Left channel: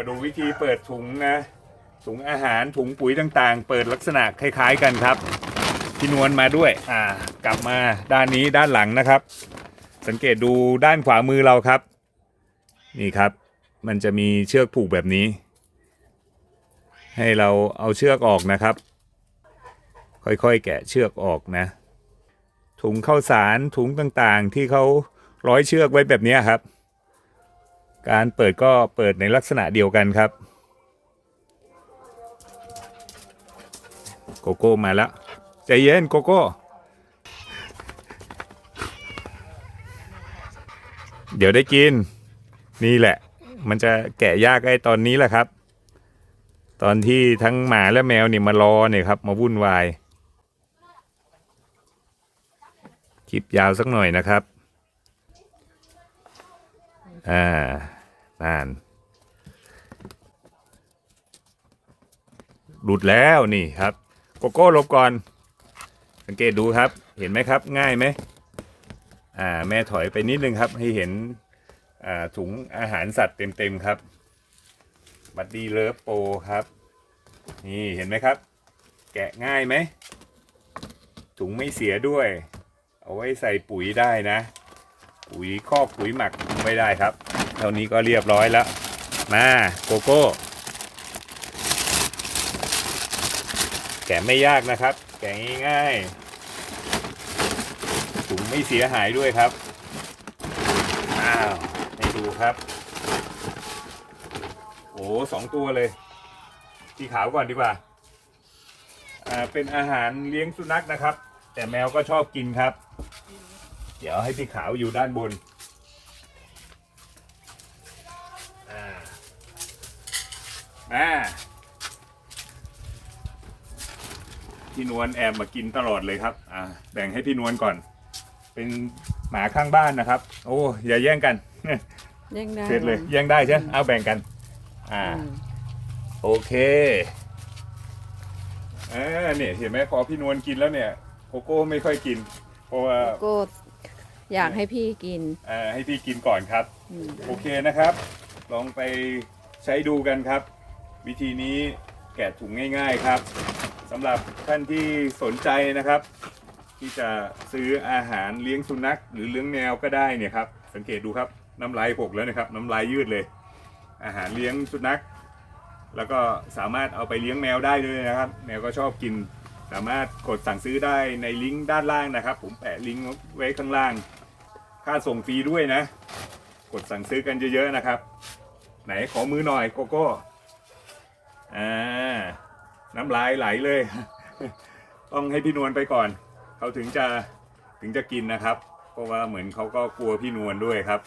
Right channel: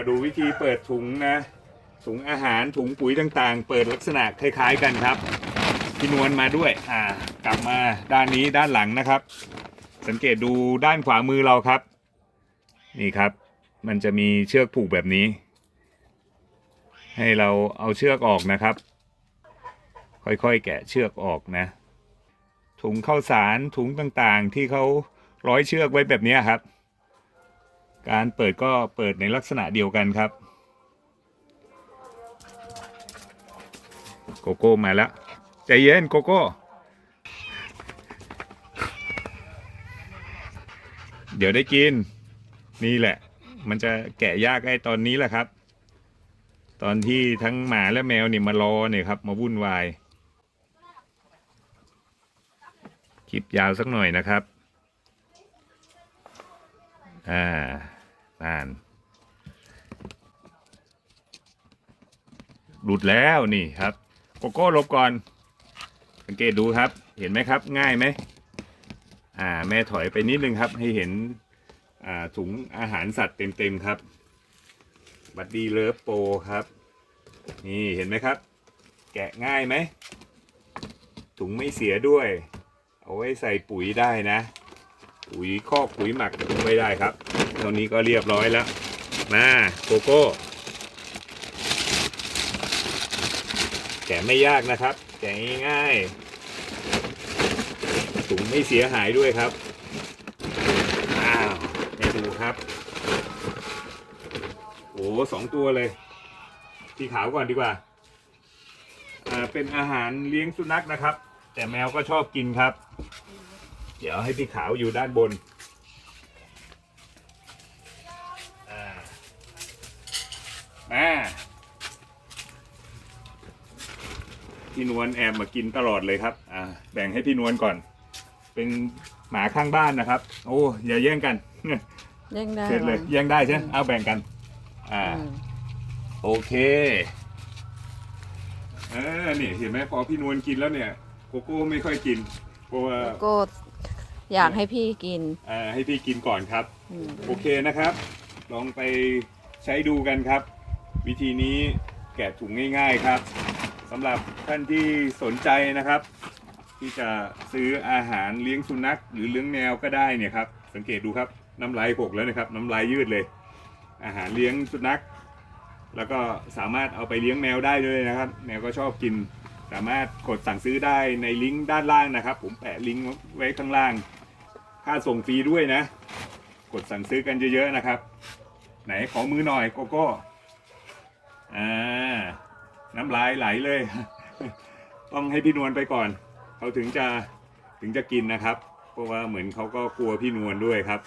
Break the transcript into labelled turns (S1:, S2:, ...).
S1: มาดูวิธีเปิดถุงนะถุงอาหารถุงปุ๋ยต่างๆ เปิดลักษณะคล้าย ๆกันครับพี่นวลมาด้วยอ่ากลับมาด้านนี้ด้านหลังนะครับ สังเกตดูด้านขวามือเราครับ นี่ครับ มันจะมีเชือกผูกแบบนี้ ให้เราเอาเชือกออกนะครับ ค่อยๆแกะเชือกออกนะ ถุงข้าวสารถุงต่างๆ ที่เขาร้อยเชือกไว้แบบนี้ครับ การเปิดก็เปิดในลักษณะเดียวกันครับ โกโก้มาแล้วใจเย็นโกโก้เดี๋ยวได้กิน นี่แหละ มันจะแกะยากไอ้ตอนนี้แหละครับ ตอนที่ทั้งหมาและแมวเนี่ยมารอเนี่ยครับ มาวุ่นวายคลิปยาวสักหน่อยนะครับ อ่า นานหลุดแล้วนี่ครับ โกโก้ลบก่อน สังเกตดูครับ เห็นไหมครับ ง่ายไหมอ่าแม่ถอยไปนิดนึงครับ ให้เห็นอ่าถุงอาหารสัตว์เต็มๆครับ บัดดี้เลิฟโปครับ นี่เห็นไหมครับ แกะง่ายไหม ถุงไม่เสียด้วย เอาไว้ใส่ปุ๋ยได้นะ ปุ๋ยคอกปุ๋ยหมักไม่ได้ครับ เท่านี้ก็เรียบร้อยแล้ว มาโกโก้ แกะไม่ยากนะครับ แกะง่ายๆถุงไม่เสียหายด้วยครับ อ้าวให้ดูครับ โอ้สองตัวเลยสีขาวก่อนดีกว่าอ่าเป็นอาหารเลี้ยงสุนัขนะครับ แต่แมวก็ชอบกินครับ เดี๋ยวให้พี่ขาวอยู่ด้านบน มาพี่นวลแอบมากินตลอดเลยครับ อ่า แบ่งให้พี่นวลก่อน เป็นหมาข้างบ้านนะครับ โอ้อย่าแย่งกัน
S2: เร่งได้
S1: เสร็จเลย
S2: วัน
S1: แย่งได้ใช่ไหมเอาแบ่งกัน อ่า
S2: อืม
S1: โอเคอ่าเนี่ยเห็นไหมพอพี่นวลกินแล้วเนี่ยโกโก้ไม่ค่อยกินเพราะว่า
S2: โก็อยากให้พี่กิน
S1: อ่าให้พี่กินก่อนครับ
S2: อืม
S1: โอเคนะครับ ลองไปใช้ดูกันครับ วิธีนี้แกะถุงง่าย ๆครับสำหรับท่านที่สนใจนะครับ ที่จะซื้ออาหารเลี้ยงสุนัขหรือเลี้ยงแมวก็ได้เนี่ยครับสังเกตดูครับน้ำลายหกแล้วนะครับน้ำลายยืดเลย อาหารเลี้ยงสุนัข แล้วก็สามารถเอาไปเลี้ยงแมวได้ด้วยนะครับ แมวก็ชอบกิน สามารถกดสั่งซื้อได้ในลิงก์ด้านล่างนะครับ ผมแปะลิงก์ไว้ข้างล่าง ค่าส่งฟรีด้วยนะ กดสั่งซื้อกันเยอะๆนะครับ ไหนขอมือหน่อยโกโก้ อ่าน้ำลายไหลเลย ต้องให้พี่นวลไปก่อนเขาถึงจะถึงจะกินนะครับ เพราะว่าเหมือนเขาก็กลัวพี่นวลด้วยครับ